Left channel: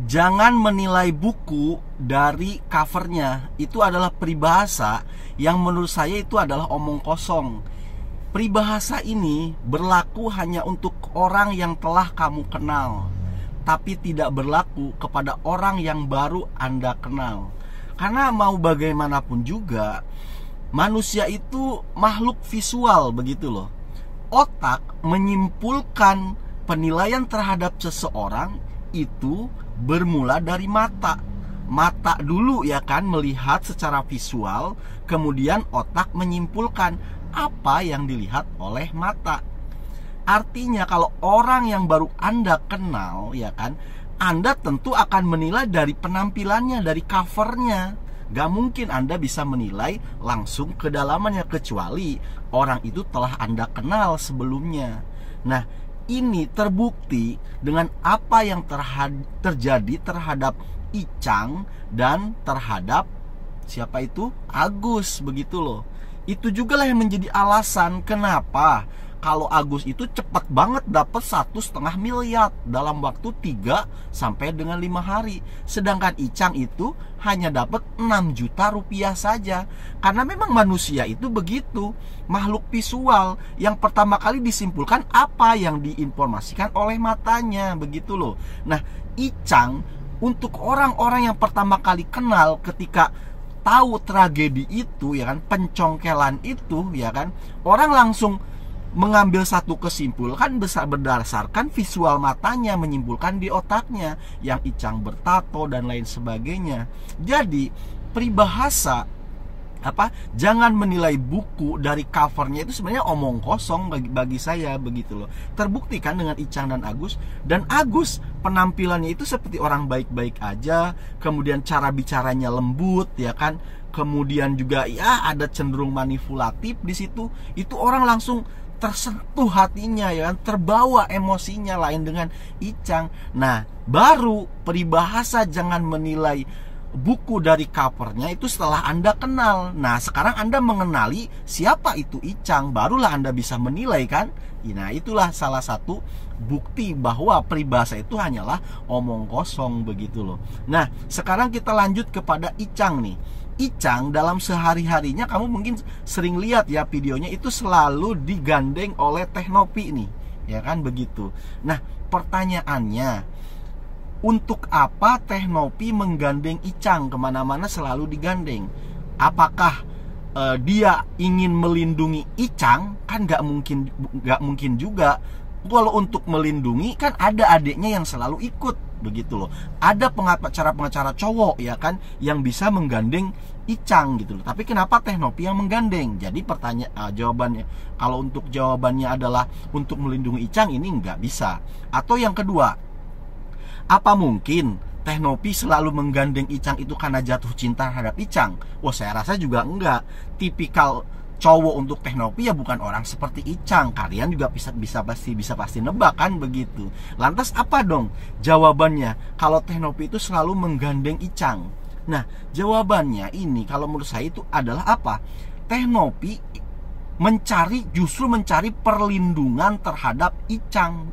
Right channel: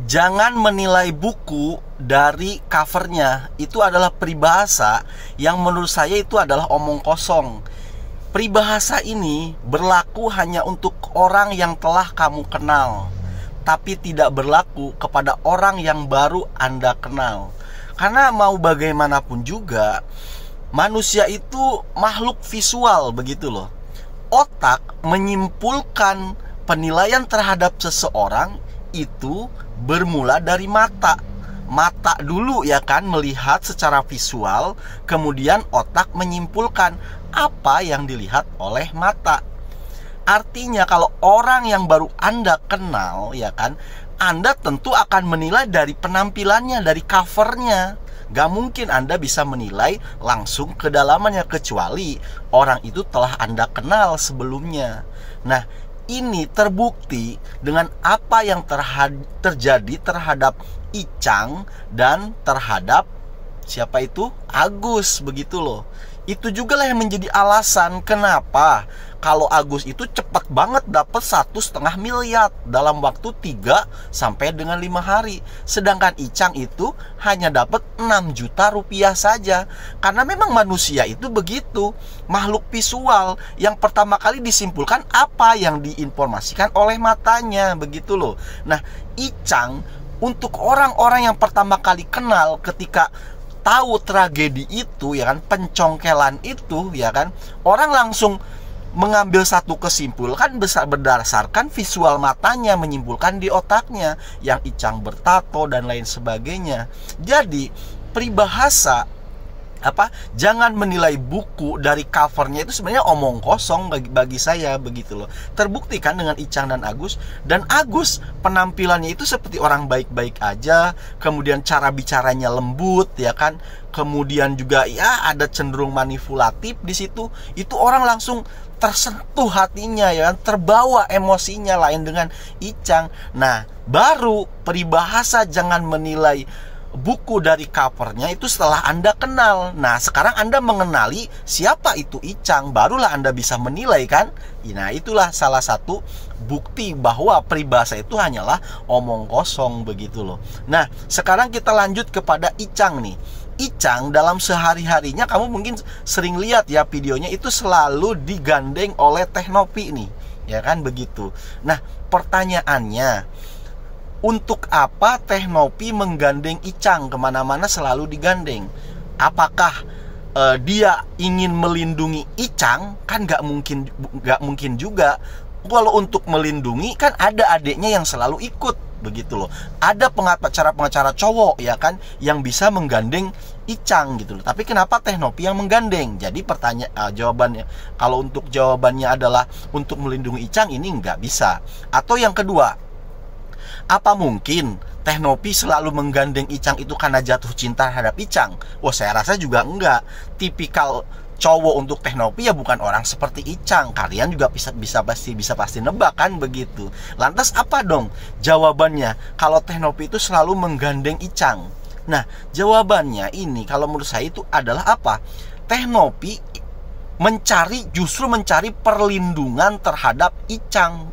Jangan menilai buku dari covernya. Itu adalah peribahasa yang menurut saya itu adalah omong kosong. Peribahasa ini berlaku hanya untuk orang yang telah kamu kenal, tapi tidak berlaku kepada orang yang baru Anda kenal. Karena mau bagaimanapun juga, manusia itu makhluk visual, begitu loh. Otak menyimpulkan penilaian terhadap seseorang itu bermula dari mata. Mata dulu ya kan, melihat secara visual, kemudian otak menyimpulkan apa yang dilihat oleh mata. Artinya kalau orang yang baru Anda kenal ya kan, Anda tentu akan menilai dari penampilannya, dari covernya. Gak mungkin Anda bisa menilai langsung kedalamannya, kecuali orang itu telah Anda kenal sebelumnya. Nah, ini terbukti dengan apa yang terjadi terhadap Icang dan terhadap siapa itu? Agus, begitu loh. Itu juga lah yang menjadi alasan kenapa kalau Agus itu cepat banget dapat 1,5 miliar dalam waktu 3 sampai dengan 5 hari. Sedangkan Icang itu hanya dapat 6 juta rupiah saja. Karena memang manusia itu begitu, makhluk visual yang pertama kali disimpulkan apa yang diinformasikan oleh matanya, begitu loh. Nah, Icang untuk orang-orang yang pertama kali kenal, ketika tahu tragedi itu ya kan, pencongkelan itu ya kan, orang langsung mengambil satu kesimpulan berdasarkan visual matanya, menyimpulkan di otaknya yang Icang bertato dan lain sebagainya. Jadi peribahasa jangan menilai buku dari covernya itu sebenarnya omong kosong bagi saya, begitu loh. Terbuktikan dengan Icang dan Agus. Dan Agus penampilannya itu seperti orang baik-baik aja, kemudian cara bicaranya lembut ya kan, kemudian juga ya ada cenderung manipulatif di situ. Itu orang langsung tersentuh hatinya ya kan, terbawa emosinya. Lain dengan Icang. Nah, baru peribahasa jangan menilai buku dari covernya itu setelah Anda kenal. Nah, sekarang Anda mengenali siapa itu Icang, barulah Anda bisa menilai kan. Nah, itulah salah satu bukti bahwa peribahasa itu hanyalah omong kosong, begitu loh. Nah, sekarang kita lanjut kepada Icang nih. Icang dalam sehari-harinya, kamu mungkin sering lihat ya videonya, itu selalu digandeng oleh Teh Nopi nih, ya kan, begitu. Nah, pertanyaannya, untuk apa Teh Nopi menggandeng Icang kemana-mana, selalu digandeng? Apakah dia ingin melindungi Icang? Kan gak mungkin juga. Kalau untuk melindungi kan ada adiknya yang selalu ikut, begitu loh. Ada pengacara cowok ya kan, yang bisa menggandeng Icang gitu loh. Tapi kenapa Teh Nopi yang menggandeng? Jadi jawabannya, kalau untuk jawabannya adalah untuk melindungi Icang, ini nggak bisa. Atau yang kedua, apa mungkin Teh Nopi selalu menggandeng Icang itu karena jatuh cinta terhadap Icang? Wah, saya rasa juga enggak. Tipikal cowok untuk Teh Nopi ya bukan orang seperti Icang. Kalian juga bisa pasti nebak kan, begitu. Lantas apa dong jawabannya kalau Teh Nopi itu selalu menggandeng Icang? Nah, jawabannya ini kalau menurut saya itu adalah apa? Teh Nopi justru mencari perlindungan terhadap Icang.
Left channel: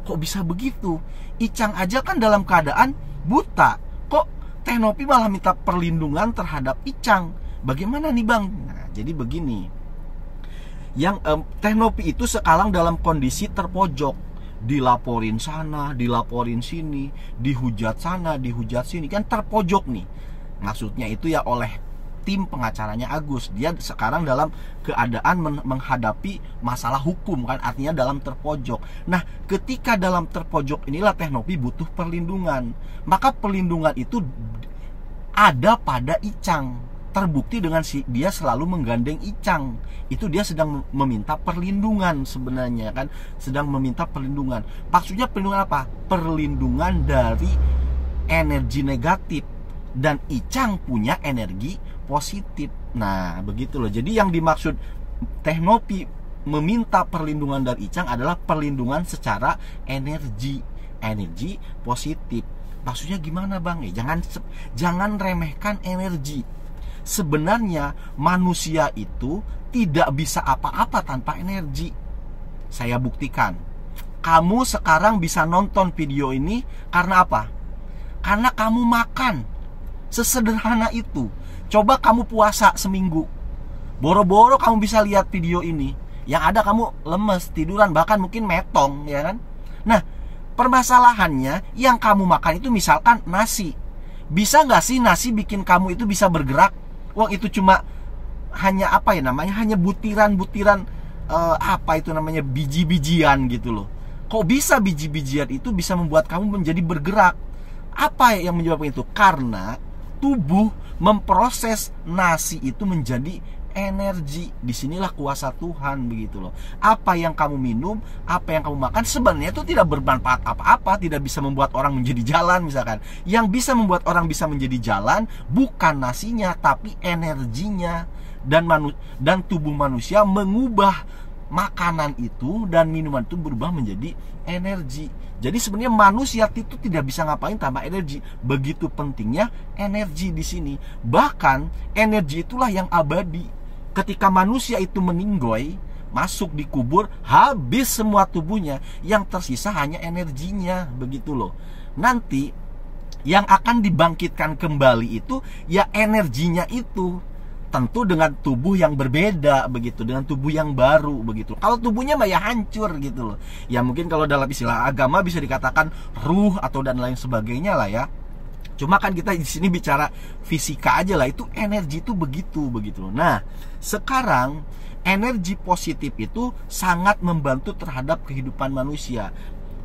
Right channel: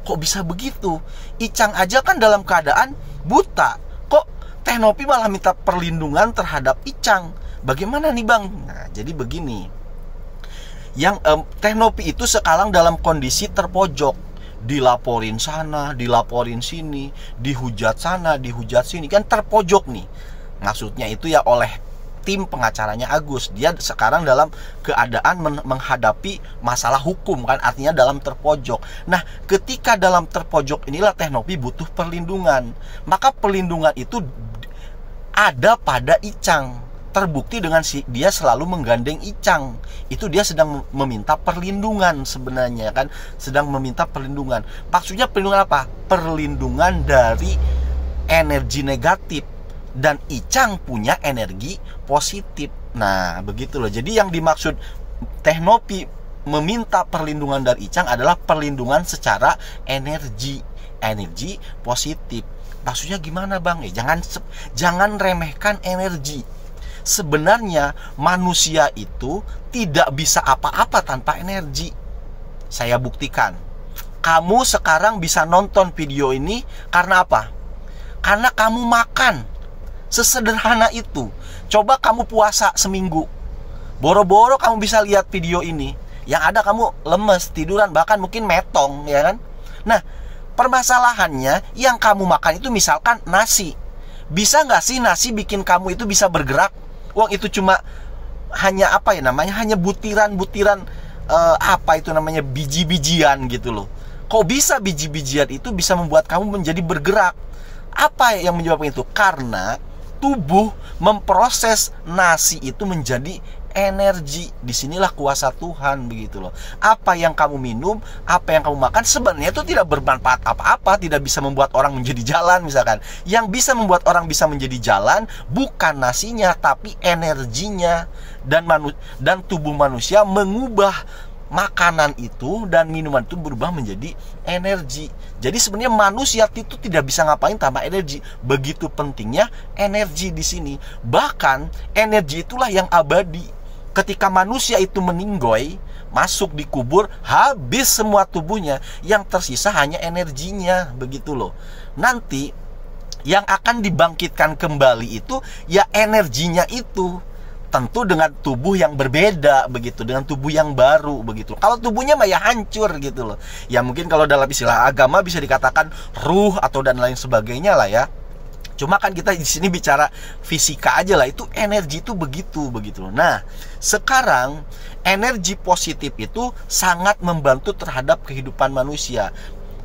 Kok bisa begitu? Icang aja kan dalam keadaan buta, kok Teh Nopi malah minta perlindungan terhadap Icang? Bagaimana nih Bang? Nah, jadi begini, yang Teh Nopi itu sekarang dalam kondisi terpojok, dilaporin sana, dilaporin sini, dihujat sana, dihujat sini, kan terpojok nih. Maksudnya itu ya oleh tim pengacaranya Agus. Dia sekarang dalam keadaan menghadapi masalah hukum kan, artinya dalam terpojok. Nah, ketika dalam terpojok inilah Teh Nopi butuh perlindungan. Maka perlindungan itu ada pada Icang. Terbukti dengan dia selalu menggandeng Icang. Itu dia sedang meminta perlindungan sebenarnya kan, sedang meminta perlindungan. Maksudnya perlindungan apa? Perlindungan dari energi negatif. Dan Icang punya energi positif. Nah, begitu loh. Jadi yang dimaksud Teh Nopi meminta perlindungan dari Icang adalah perlindungan secara energi positif. Maksudnya gimana Bang? Jangan remehkan energi. Sebenarnya manusia itu tidak bisa apa-apa tanpa energi. Saya buktikan. Kamu sekarang bisa nonton video ini karena apa? Karena kamu makan. Sesederhana itu. Coba kamu puasa seminggu, boro-boro kamu bisa lihat video ini, yang ada kamu lemes, tiduran, bahkan mungkin metong, ya kan? Nah, permasalahannya yang kamu makan itu misalkan nasi. Bisa nggak sih nasi bikin kamu itu bisa bergerak? Wah, itu cuma hanya apa ya namanya? Hanya butiran-butiran apa itu namanya, biji-bijian gitu loh. Kok bisa biji-bijian itu bisa membuat kamu menjadi bergerak? Apa yang menyebabkan itu? Karena tubuh memproses nasi itu menjadi energi. Disinilah kuasa Tuhan, begitu loh. Apa yang kamu minum, apa yang kamu makan sebenarnya itu tidak bermanfaat apa-apa, tidak bisa membuat orang menjadi jalan misalkan. Yang bisa membuat orang bisa menjadi jalan bukan nasinya, tapi energinya. Dan tubuh manusia mengubah makanan itu dan minuman itu berubah menjadi energi. Jadi sebenarnya manusia itu tidak bisa ngapain tanpa energi. Begitu pentingnya energi di sini. Bahkan energi itulah yang abadi. Ketika manusia itu meninggoy, masuk di kubur, habis semua tubuhnya, yang tersisa hanya energinya, begitu loh. Nanti yang akan dibangkitkan kembali itu ya energinya itu. Tentu dengan tubuh yang berbeda, begitu, dengan tubuh yang baru, begitu. Kalau tubuhnya mah ya hancur gitu loh. Ya mungkin kalau dalam istilah agama bisa dikatakan ruh atau dan lain sebagainya lah ya. Cuma kan kita di sini bicara fisika aja lah, itu energi itu begitu loh. Nah, sekarang energi positif itu sangat membantu terhadap kehidupan manusia.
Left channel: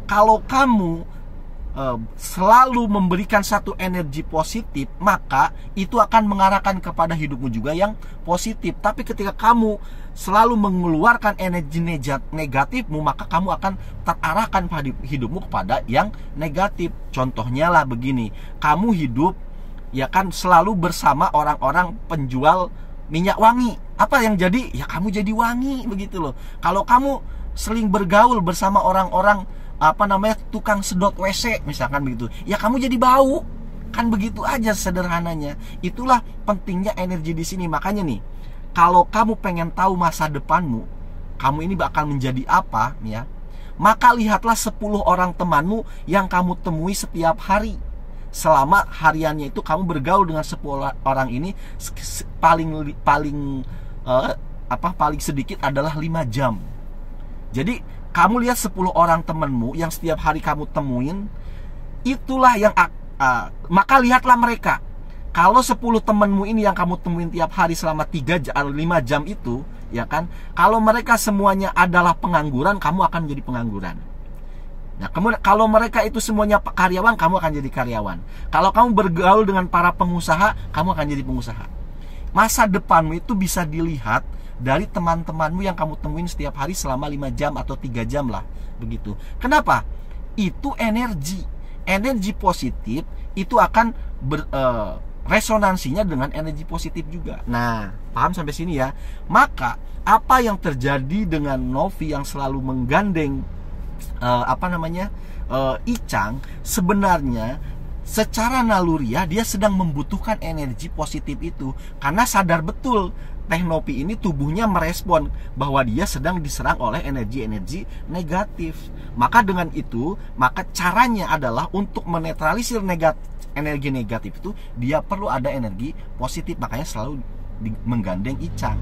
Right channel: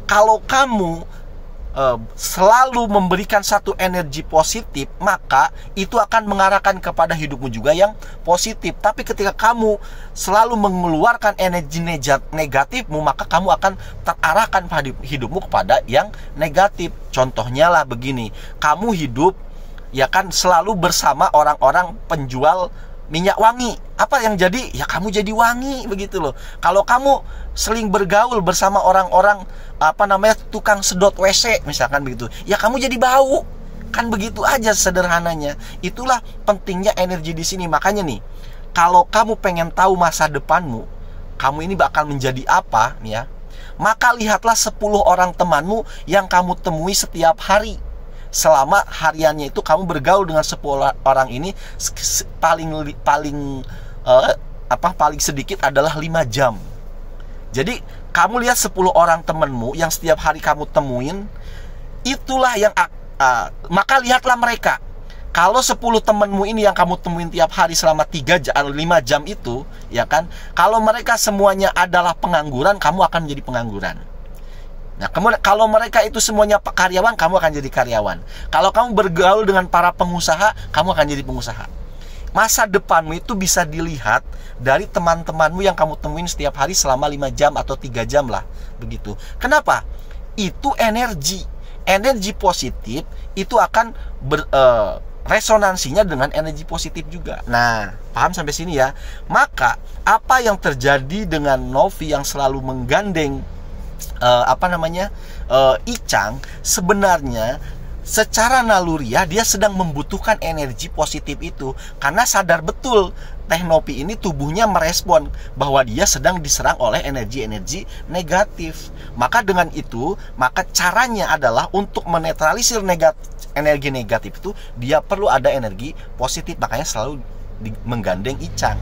Kalau kamu selalu memberikan satu energi positif, maka itu akan mengarahkan kepada hidupmu juga yang positif. Tapi ketika kamu selalu mengeluarkan energi negatifmu, maka kamu akan terarahkan pada hidupmu kepada yang negatif. Contohnya lah begini, kamu hidup ya kan selalu bersama orang-orang penjual minyak wangi. Apa yang jadi? Ya kamu jadi wangi, begitu loh. Kalau kamu sering bergaul bersama orang-orang tukang sedot WC misalkan begitu, ya kamu jadi bau. Kan begitu aja sederhananya. Itulah pentingnya energi di sini. Makanya nih, kalau kamu pengen tahu masa depanmu, kamu ini bakal menjadi apa ya, maka lihatlah 10 orang temanmu yang kamu temui setiap hari. Selama hariannya itu kamu bergaul dengan 10 orang ini, paling sedikit adalah 5 jam. Jadi kamu lihat 10 orang temanmu yang setiap hari kamu temuin, itulah yang maka lihatlah mereka. Kalau 10 temanmu ini yang kamu temuin tiap hari selama 5 jam itu, ya kan, kalau mereka semuanya adalah pengangguran, kamu akan menjadi pengangguran. Nah, kalau mereka itu semuanya karyawan, kamu akan jadi karyawan. Kalau kamu bergaul dengan para pengusaha, kamu akan jadi pengusaha. Masa depanmu itu bisa dilihat dari teman-temanmu yang kamu temuin setiap hari selama 5 jam atau 3 jam lah, begitu. Kenapa? Itu energi. Energi positif itu akan resonansinya dengan energi positif juga. Nah, paham sampai sini ya? Maka apa yang terjadi dengan Novi yang selalu menggandeng Icang, sebenarnya secara naluriah dia sedang membutuhkan energi positif itu, karena sadar betul Teh Novi ini tubuhnya merespon bahwa dia sedang diserang oleh energi-energi negatif. Maka dengan itu, maka caranya adalah untuk menetralisir energi negatif itu, dia perlu ada energi positif. Makanya selalu menggandeng Icang.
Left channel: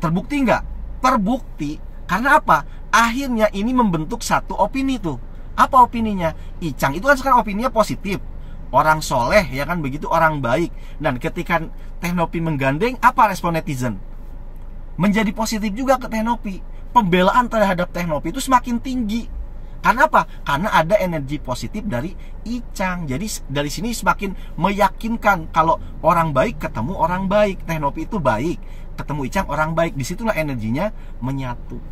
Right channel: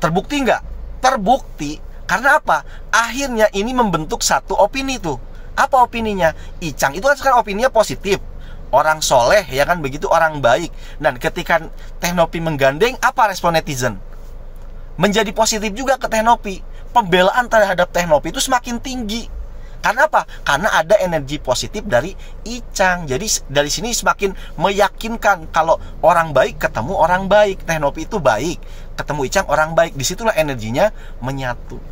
Terbukti nggak? Terbukti. Karena apa? Akhirnya ini membentuk satu opini tuh. Apa opininya? Icang itu kan sekarang opininya positif, orang soleh, ya kan begitu, orang baik. Dan ketika Teh Novi menggandeng, apa respon netizen? Menjadi positif juga ke Teh Novi. Pembelaan terhadap Teh Novi itu semakin tinggi. Karena apa? Karena ada energi positif dari Icang. Jadi dari sini semakin meyakinkan kalau orang baik ketemu orang baik. Teh Novi itu baik, ketemu Icang orang baik. Disitulah energinya menyatu.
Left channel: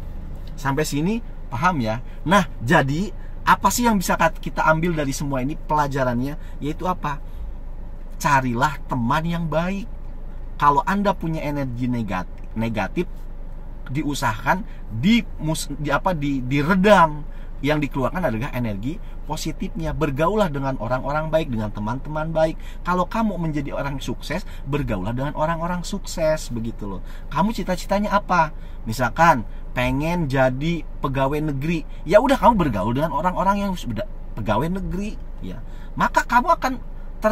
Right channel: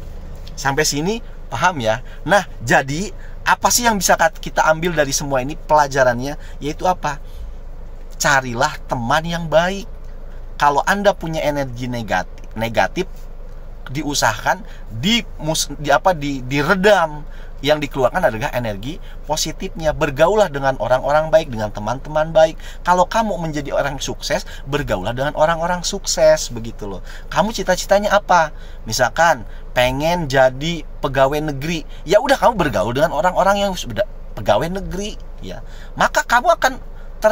Sampai sini paham ya? Nah, jadi apa sih yang bisa kita ambil dari semua ini pelajarannya? Yaitu apa? Carilah teman yang baik. Kalau Anda punya energi negatif, diusahakan diredam. Yang dikeluarkan adalah energi positifnya. Bergaulah dengan orang-orang baik, dengan teman-teman baik. Kalau kamu menjadi orang sukses, bergaulah dengan orang-orang sukses, begitu loh. Kamu cita-citanya apa? Misalkan pengen jadi pegawai negeri, ya udah kamu bergaul dengan orang-orang yang sudah pegawai negeri, ya. Maka kamu akan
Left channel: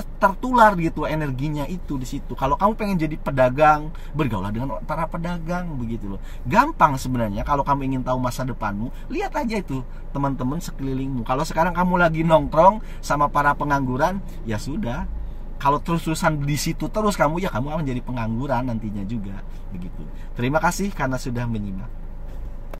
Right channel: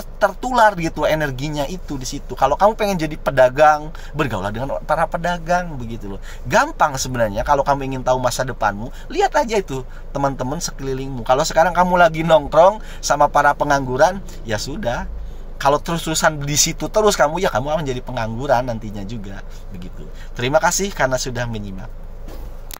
tertular gitu energinya itu di situ. Kalau kamu pengen jadi pedagang, bergaulah dengan para pedagang begitu loh. Gampang sebenarnya. Kalau kamu ingin tahu masa depanmu, lihat aja itu teman-teman sekelilingmu. Kalau sekarang kamu lagi nongkrong sama para pengangguran, ya sudah. Kalau terus-terusan di situ terus kamu, ya kamu akan jadi pengangguran nantinya juga begitu. Terima kasih karena sudah menyimak.